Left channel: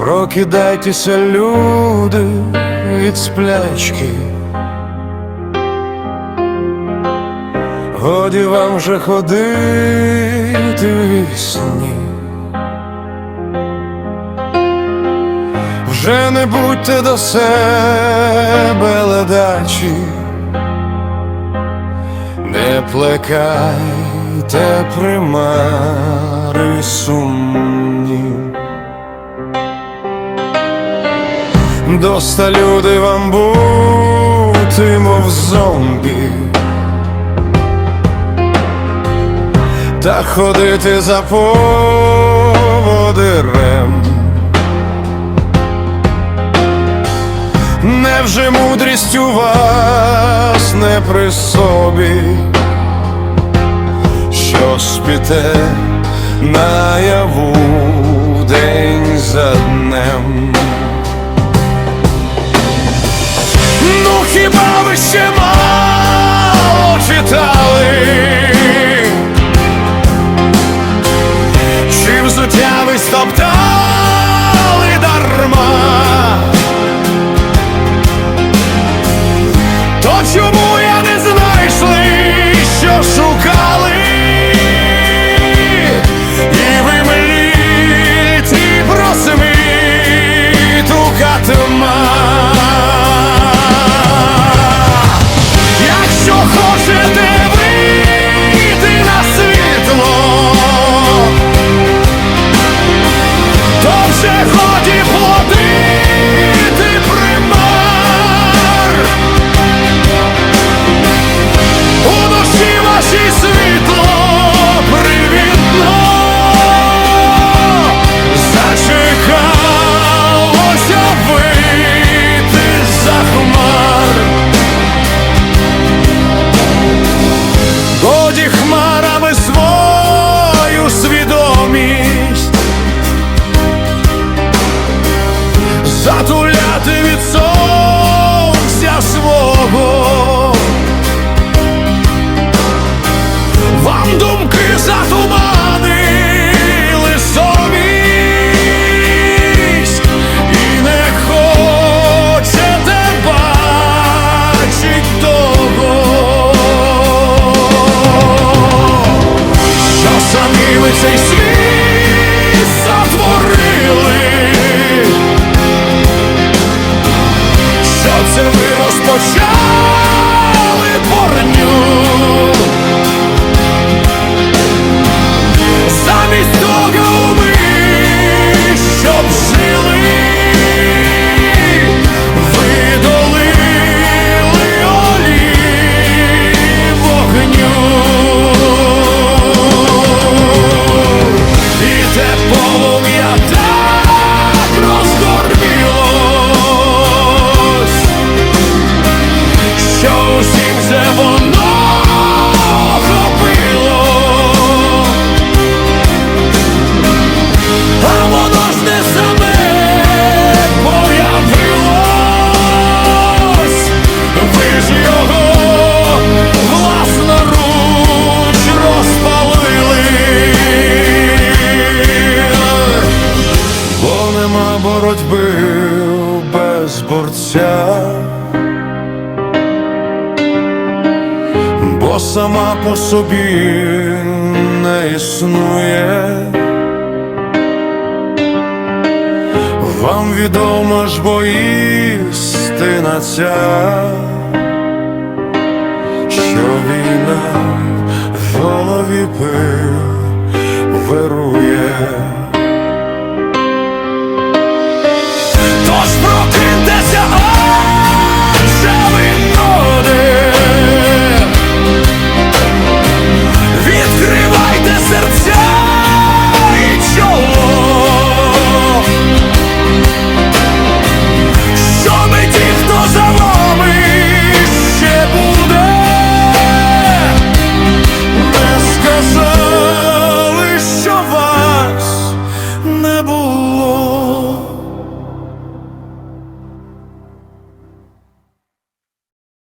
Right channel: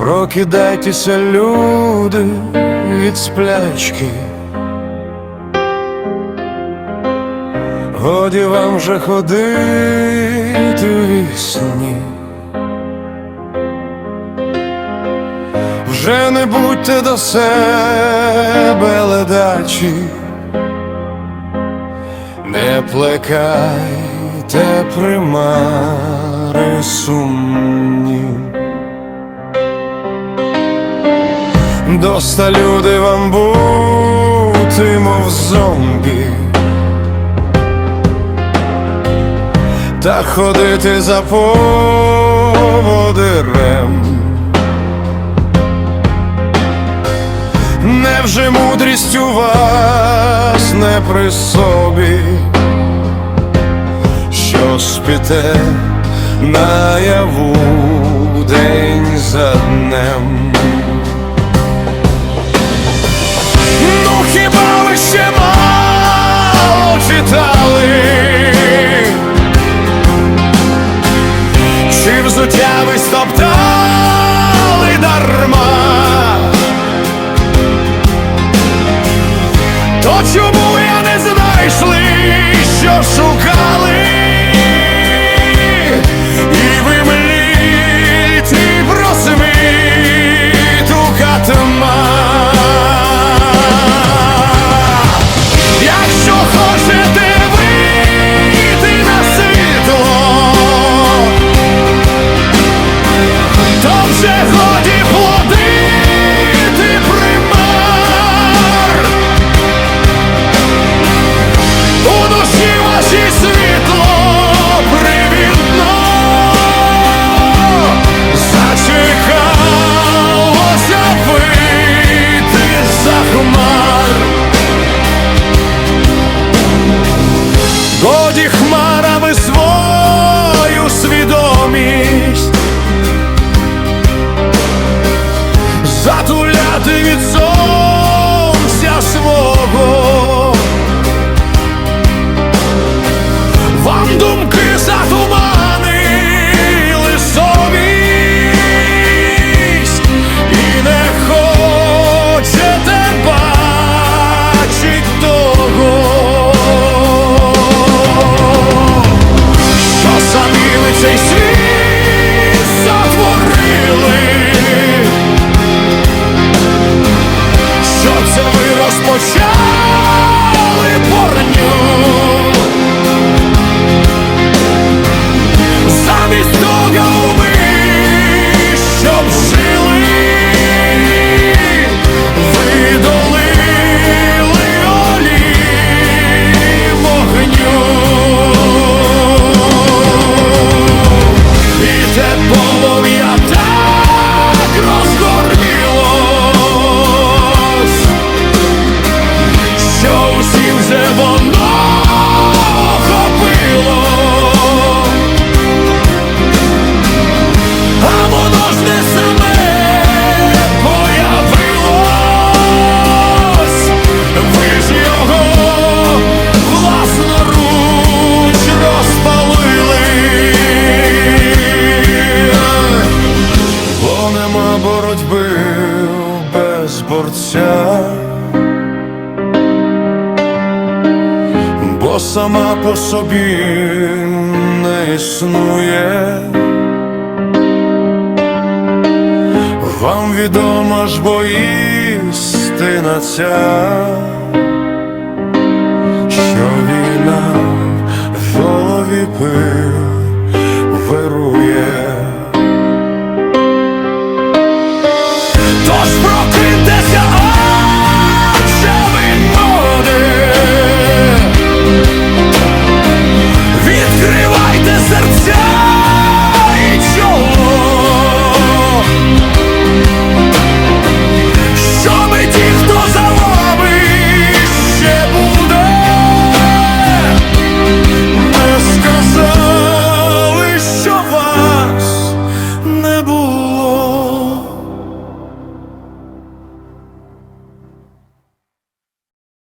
Прокидайтеся, люди, від сплячки. Годі вам вже ходити вісні. Вже не будьте до себе ледачі, не плекайте примари сумні. Доста люди вам бути, мов зомбі, та ходити за поводирем. Невже мудрість у вас не при собі, що спіте наяву день за днем? Хіба ви ще мало читали? Чи взуття ви стоптали дарма? То чому я не знайшли, що шукали? Вашій світло привітно зачекалося вийти за хмар. Годі хмарами свою свідомість затуляти від сонця свого. Вам думки затуманили совість і не хочете бачить того, що самі ви цей світ затворили, що це ви розпочали борню. Замість того ми, щоб жили, ви долили олії вогню. І те полум'я так розгормілось, що усім вже воно ви ж його власноруч розпалили, бо нема боротьби без борця. Бо сама по собі не існує. Вам відома ж бо істина ця, що війна в голові пил вирує. Тож прокиньтеся,